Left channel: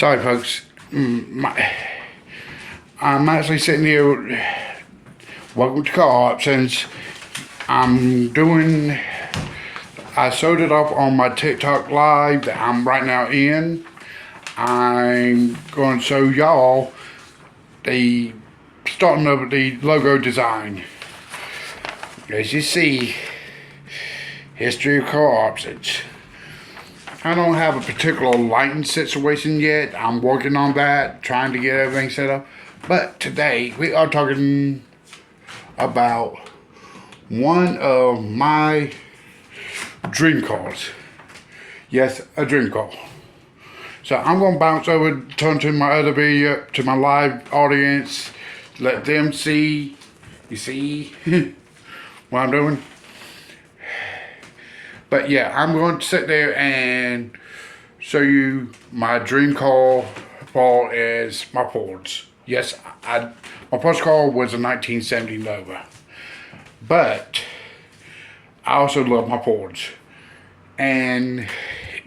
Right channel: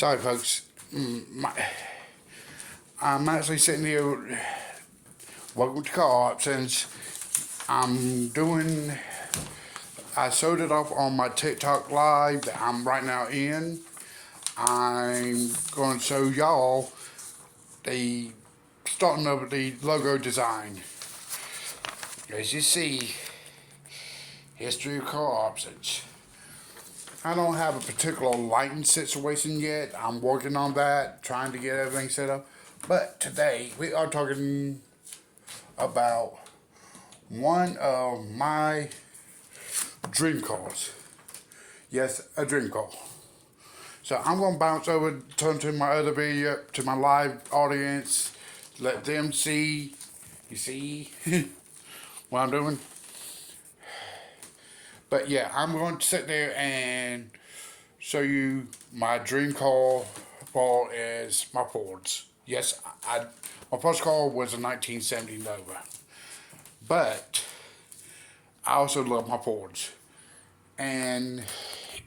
Sorry, folks. I'm actually sitting here. Welcome to Car Options. I showed it off on my TikTok live that I'm right now in. I'm going to show y'all the starting of the logo design. As you see, history of Car Options. I don't have a particular lighting situation yet. I'm working on that, trying to get everything set up. But today, we are talking about one of my dream cars. Yes, a dream car. So I'm going to bounce over, turn to my other video, to my live audience, let them see, you see what I'm doing? But yeah, I'm going to sit there and show you my dream car for as my Fords. Yes, my first car was a 1970 Nova. But I also love my Fords. And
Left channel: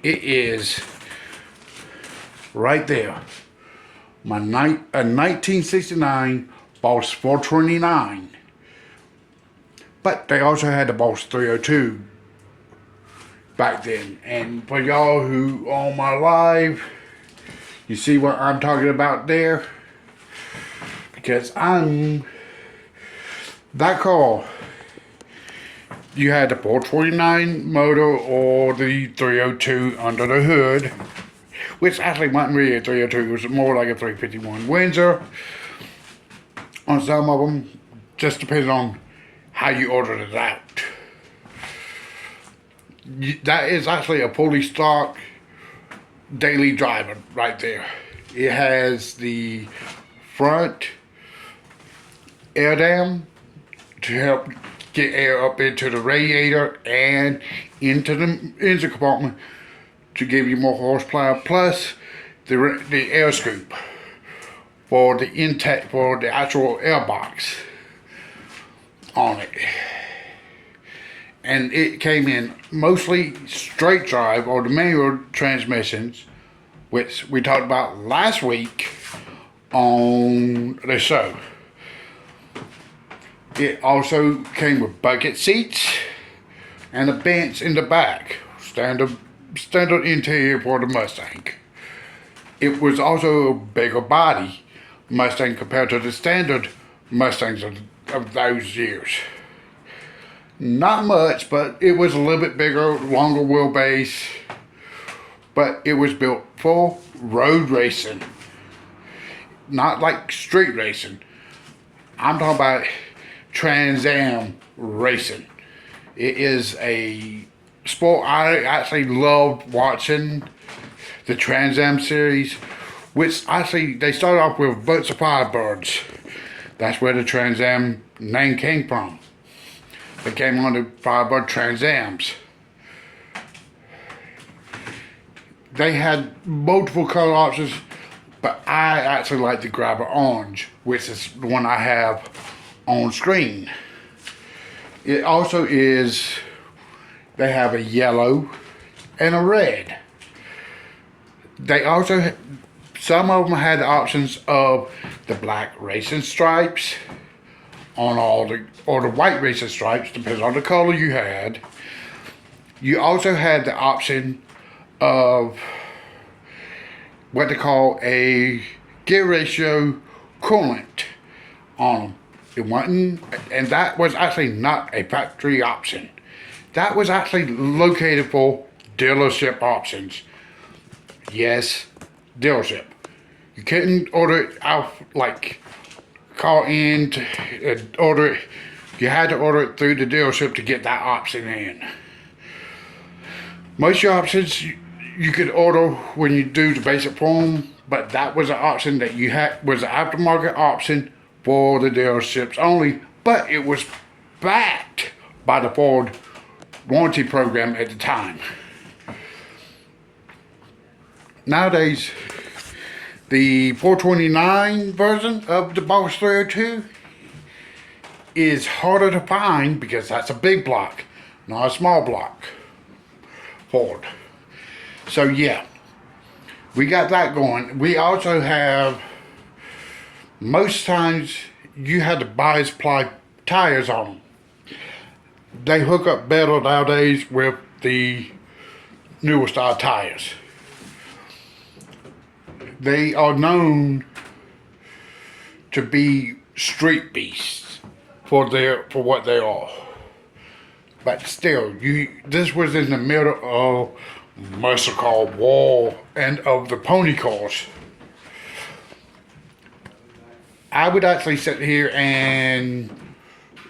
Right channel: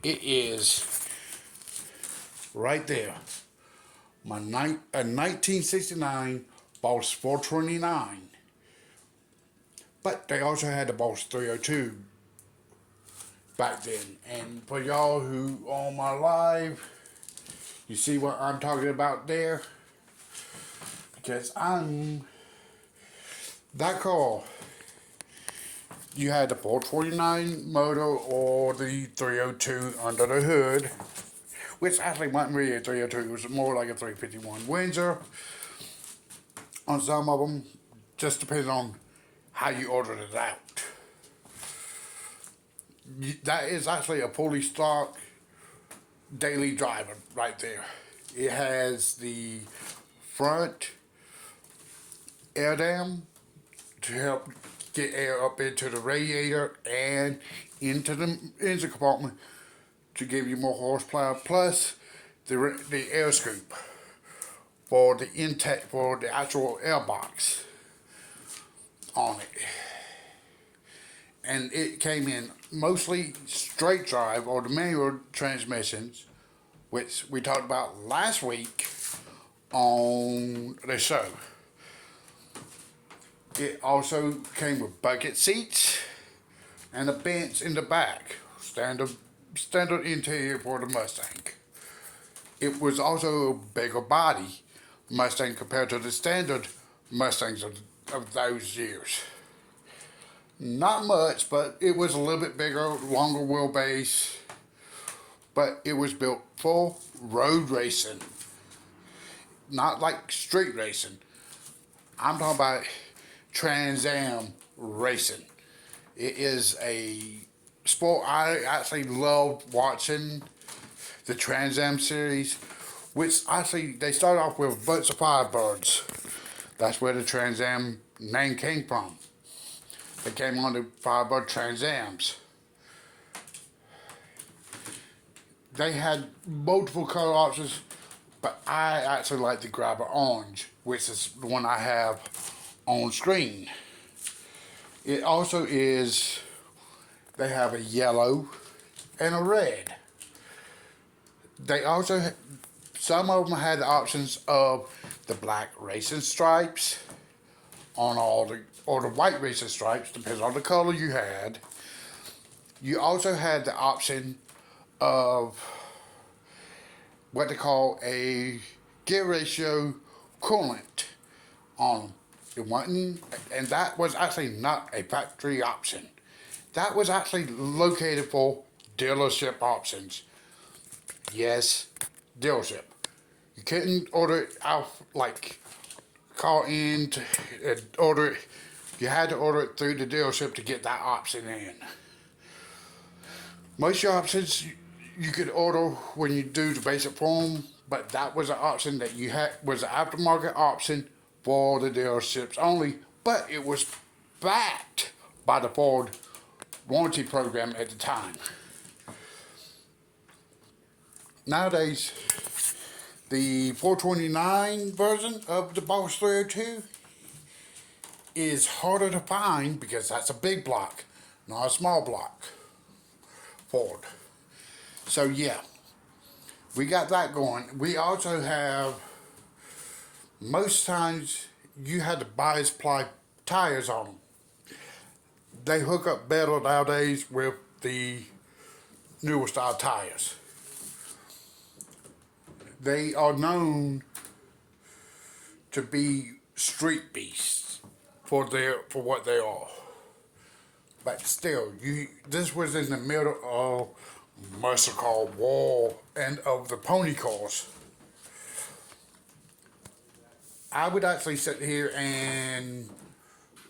it is right there. A 1969 Boss 429. But they also had the Boss 302 back then. And for y'all who on my live, you see what I'm talking about there? Because that car, you had the 429 motor or the 302 under the hood, which actually wasn't really a 302, it was more like a 351 Windsor. On some of them, just depends on how you ordered it out. That is actually a fully stock daily driver right there. It has the front air dam to help get air up into the radiator and into the engine compartment to give you more horsepower, plus the air scoop for the intake, for the actual air box on it. And it came in mostly straight drive or the manual transmissions, which we talked about last week on the show. It also came with bucket seats and a bench in the back, standard interior for the Mustang. It was also a bigger body Mustang compared to the standard Mustangs of those years. Not much, but it was a little bit bigger, longer wheelbase, but it was built for road racing, not like street racing. I'm talking about Trans Am racing. It is a sport I actually love watching, the Trans Am series, which actually they started off with Boats of Firebirds. That's where the Trans Am name came from. They came on the Firebird Trans Ams. They had multiple color options, but I actually like the Grabber Orange, which is the one I have on screen. It also is, they have a yellow and a red. They also, some of them had the options of the black racing stripes on all the, or the white racing stripes, depends on the color you had. You also had the option of what they call a gear ratio coolant on them. It wasn't, and that was actually not a factory option. That was actually located for dealership options. Yes, dealership. You couldn't order it out, like call in to order it. You had to order it through the dealership to get that option in. Most of your options you could order when you do the basic form, but that was an option that you had, was an aftermarket option for the dealerships only, but it was backed by the Ford warranty program at the time. Nowadays, the 429 version of the Boss 302 is harder to find because that's a big block, not a small block Ford. So yeah, we got that going. We also have, most times you had to buy supply tires on them. They hook up better nowadays with the newer style tires. They are known to be street beasts for what they are. But still, this was in the middle of muscle car war and of the pony cars. I would actually sit here and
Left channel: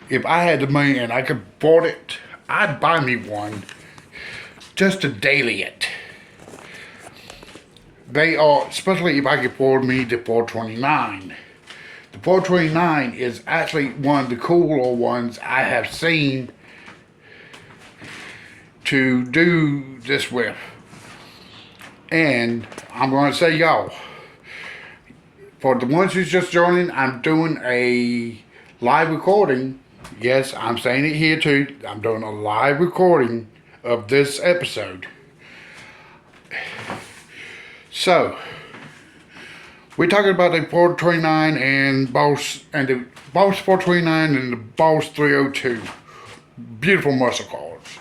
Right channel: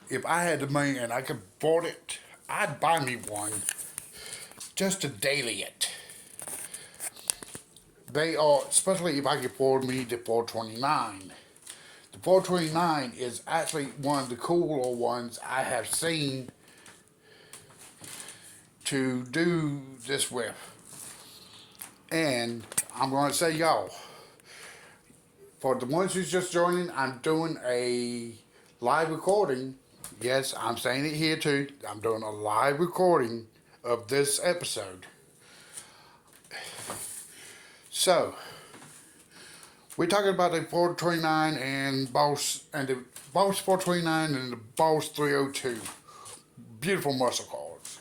if I had the money and I could afford it, I'd buy me one just to daily it. They are, especially if I could afford me the 429. The 429 is actually one of the cooler ones I have seen to do this with. And I'm going to say, y'all, for the ones who's just joining, I'm doing a live recording. Yes, I'm saying it here too. I'm doing a live recording of this episode. So, we're talking about the 429 and the Boss 429 and the Boss 302. Beautiful muscle cars.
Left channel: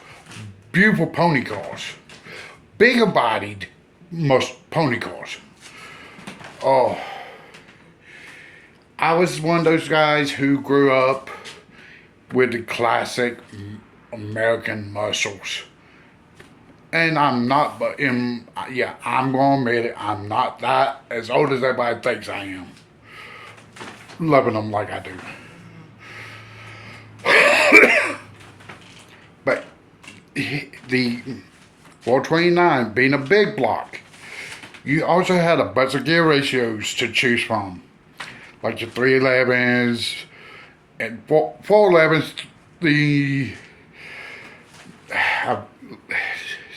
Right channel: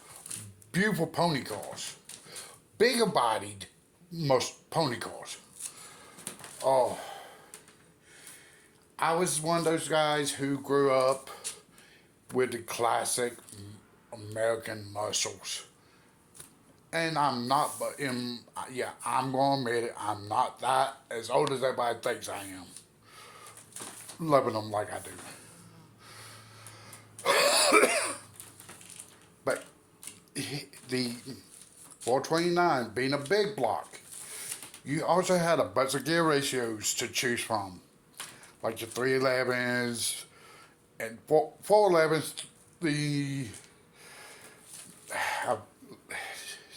Beautiful pony cars. Bigger bodied pony cars. Oh, I was one of those guys who grew up with the classic American muscles. And I'm not, but I'm going to admit it, I'm not that as old as everybody thinks I am. Loving them like I do. But the 429 being a big block, you also had a bunch of gear ratios to choose from. Like your 311s and 411s,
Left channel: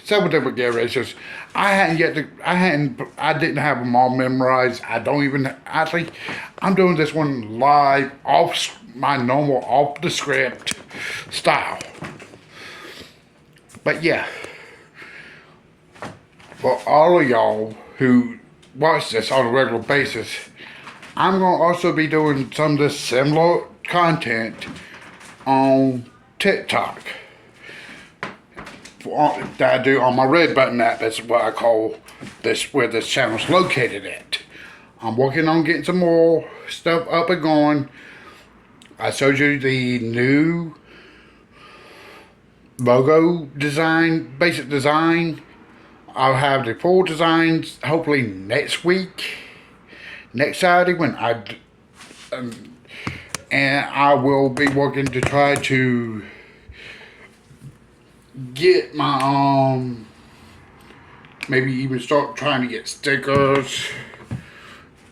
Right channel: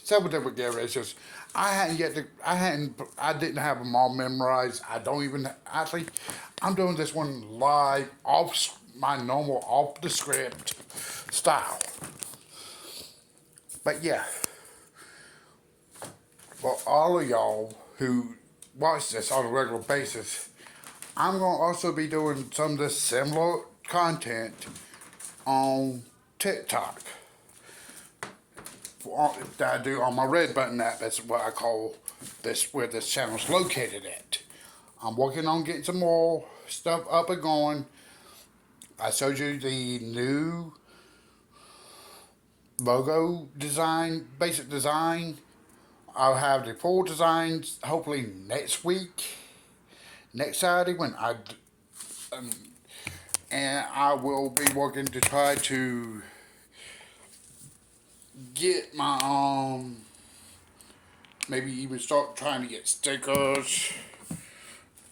several different gear ratios. I didn't have them all memorized. I'm doing this one live off my normal, off the script style. But yeah, for all of y'all who watch this on a regular basis, I'm going to also be doing some of this similar content on TikTok that I do on my Red Button app. That's what I call this, where this channel's located at. I'm working on getting some more stuff up and going. I showed you the new logo design, basic design. I'll have the full designs hopefully next week. Next Saturday and I will be working to try to get my maybe even start trying to get stickers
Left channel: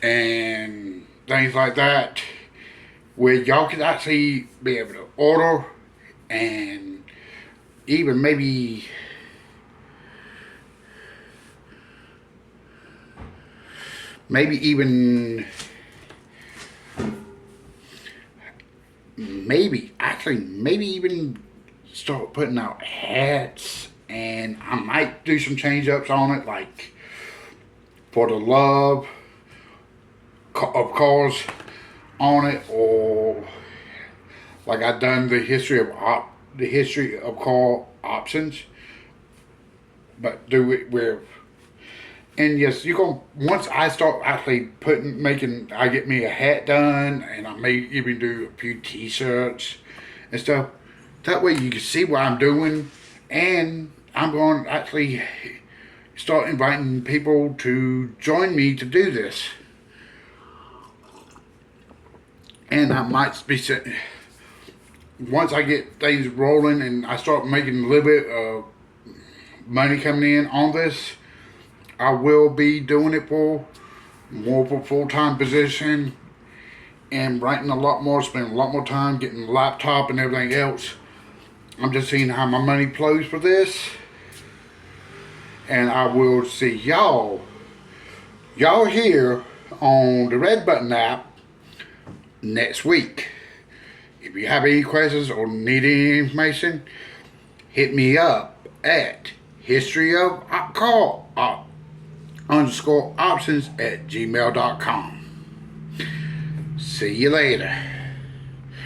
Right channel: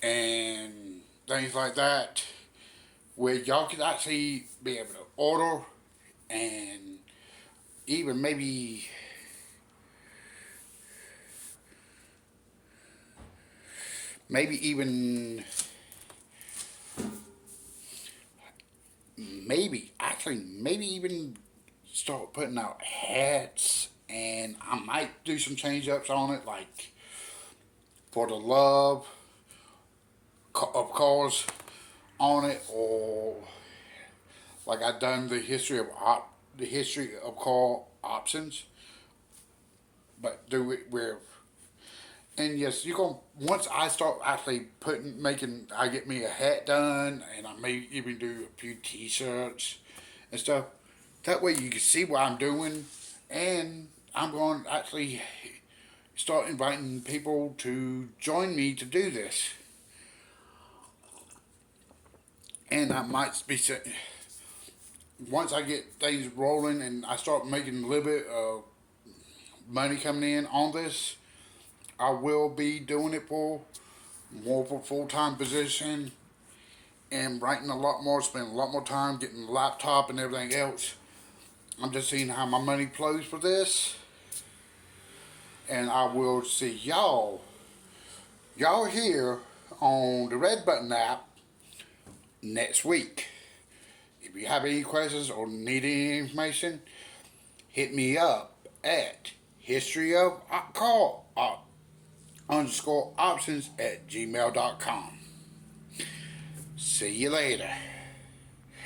and things like that where y'all can actually be able to order and even maybe even start putting out hats, and I might do some change ups on it, like for the love of cars on it, or like I've done the history of car options, but do it with. And yes, once I start actually I get me a hat done, and I may even do a few t-shirts and stuff. That way you can see what I'm doing, and I'm going to actually start inviting people to join me to do this. And I might be sitting, once I get things rolling and I start making a little bit of money coming in on this, I will be doing it for more of a full-time position and writing a lot more, spending a lot more time getting a laptop and everything else. I'm just seeing how my money flows for this. And I will see y'all here on the Red Button app next week. If you have any questions or need any information, hit me up at History of Car _options at gmail.com. See you later.